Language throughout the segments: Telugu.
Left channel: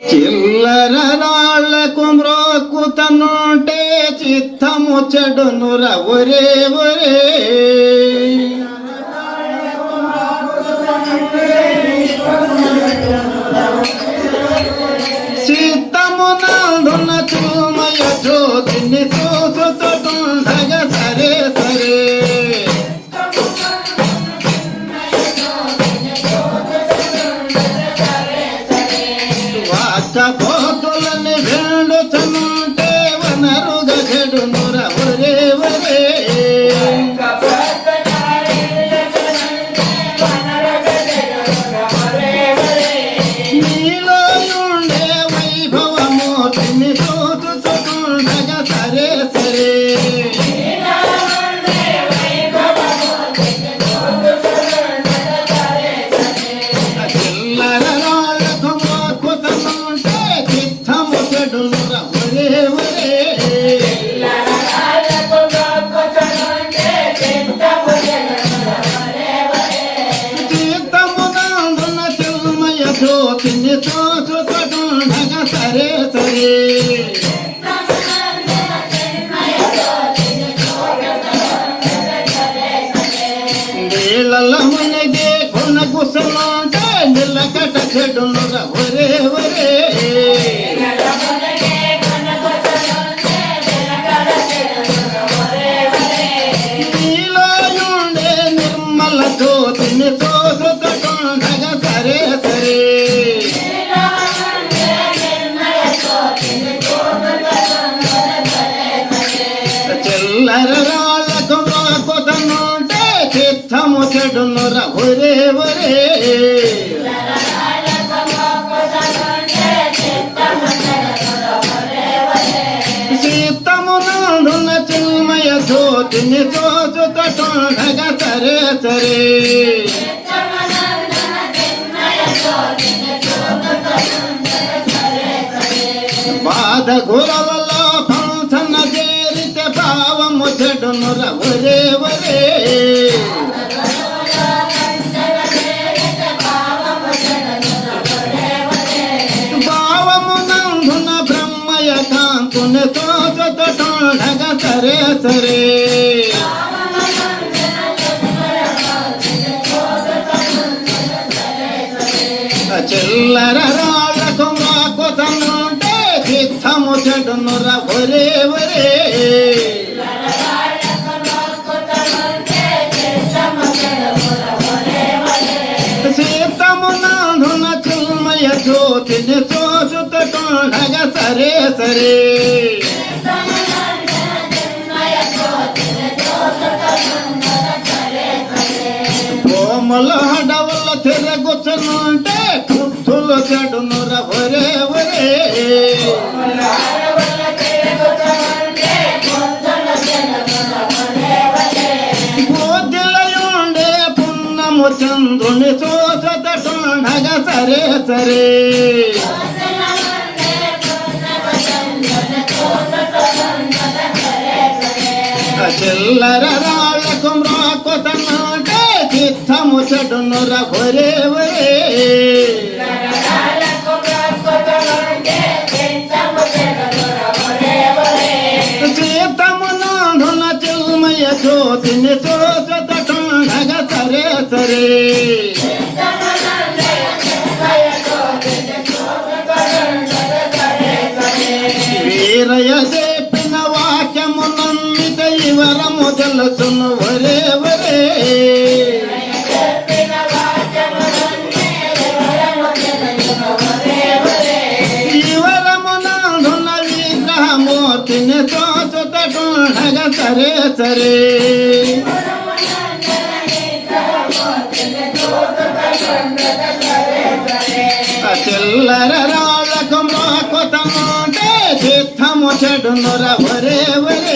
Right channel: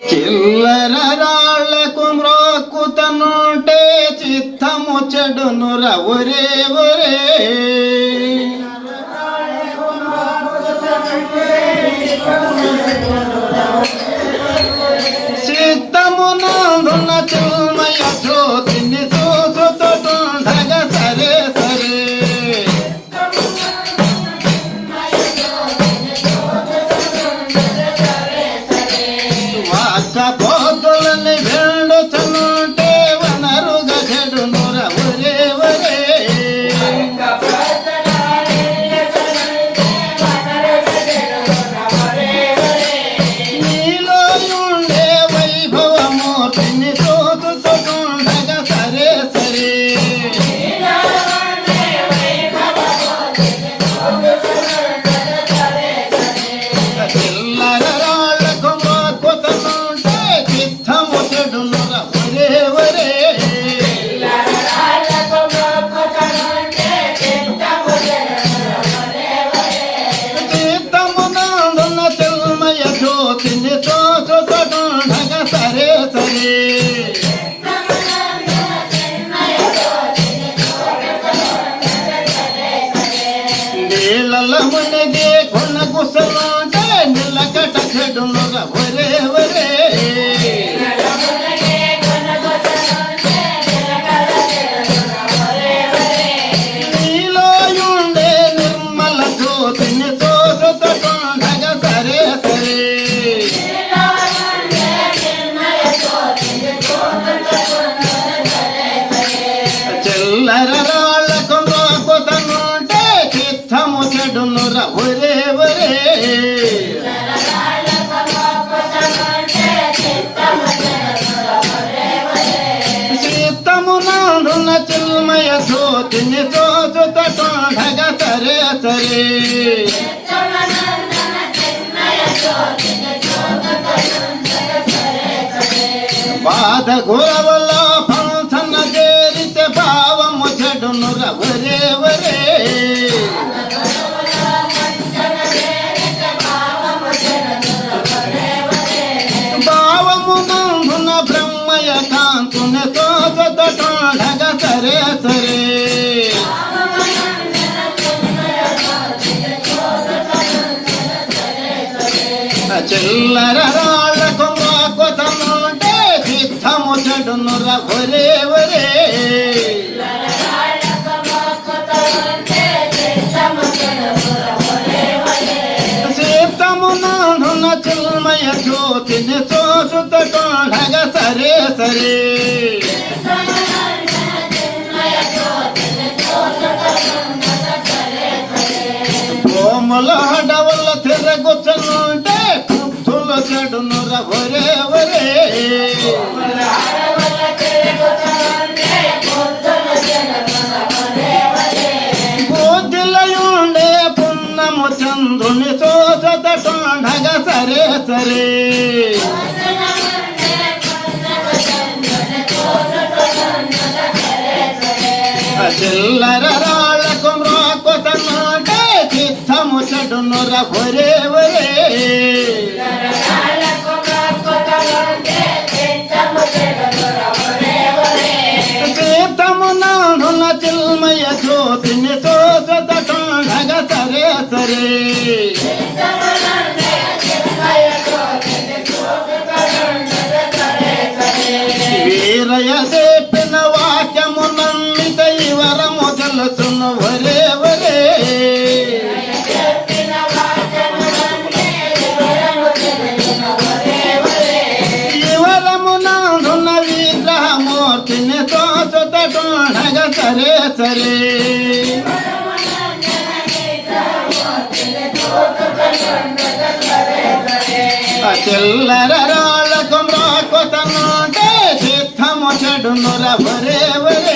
చిల్లర రాళ్లకు మ్రోక్కుతనుంటే చిత్తము చెడునుర ఒరే ఒరే చిత్తము నందున చిన్మయ జ్యోతిని చూచుతుండగ సరే సరే పోతులని వెండుతుంటే వనరుగ చెడునుర ఒరే ఒరే నీలో ఉండే వైభవమూర్తిని చూచుతుండగ సరే సరే చిల్లర రాళ్లకు మోక్కుతనుంటే చిత్తము చెడునుర ఒరే ఒరే చిత్తము నందున చిన్మయ జ్యోతిని చూచుతుండగ సరే సరే నీళ్ళ మునిగి కొనగుసలాంటే నిలకట చెడునుర ఒరే ఒరే నీలో ఉండే నిర్మల జ్యోతిని చూచుతుండగ సరే సరే చిల్లర రాళ్లకు మోక్కుతనుంటే చిత్తము చెడునుర ఒరే ఒరే చిత్తము నందున చిన్మయ జ్యోతిని చూచుతుండగ సరే సరే బాధ గురవల పంచన చేరితే భావము చెడునుర ఒరే ఒరే భావము నందున బ్రహ్మయ కాంతుని చూచుతుండగ సరే సరే చిల్లర రాళ్లకు మోక్కుతనుంటే చిత్తము చెడునుర ఒరే ఒరే చిత్తము నందున చిన్మయ జ్యోతిని చూచుతుండగ సరే సరే కోమల హడవల తిరగుచనుంటే కుత్తులు చెడునుర ఒరే ఒరే పూజలయుండే పున్నము చంద్రుని చూచుతుండగ సరే సరే చిల్లర రాళ్లకు మోక్కుతనుంటే చిత్తము చెడునుర ఒరే ఒరే చిత్తము నందున చిన్మయ జ్యోతిని చూచుతుండగ సరే సరే వీరయ్య చెప్పిన వాక్యము నమ్మిక వరము తెలుసును ఒరే ఒరే ఈ వరము నందున విగ్రహమూర్తిని చూచుతుండగ సరే సరే చిల్లర రాళ్లకు మోక్కుతనుంటే చిత్తము చెడునుర ఒరే ఒరే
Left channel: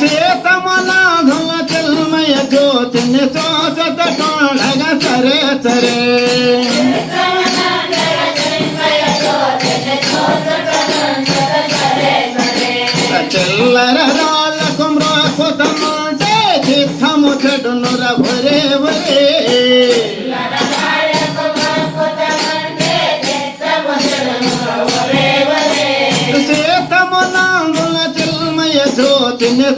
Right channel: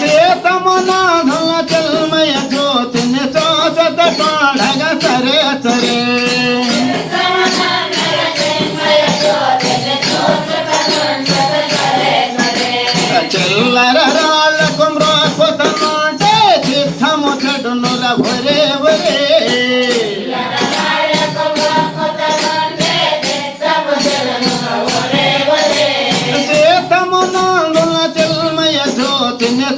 చిత్తము నందున చిన్మయ జ్యోతిని చూచుతుండగ సరే సరే చిల్లర రాళ్లకు మోక్కుతనుంటే చిత్తము చెడునుర ఒరే ఒరే సీతమ్మనందున చెల్మయ్య జ్యోతిని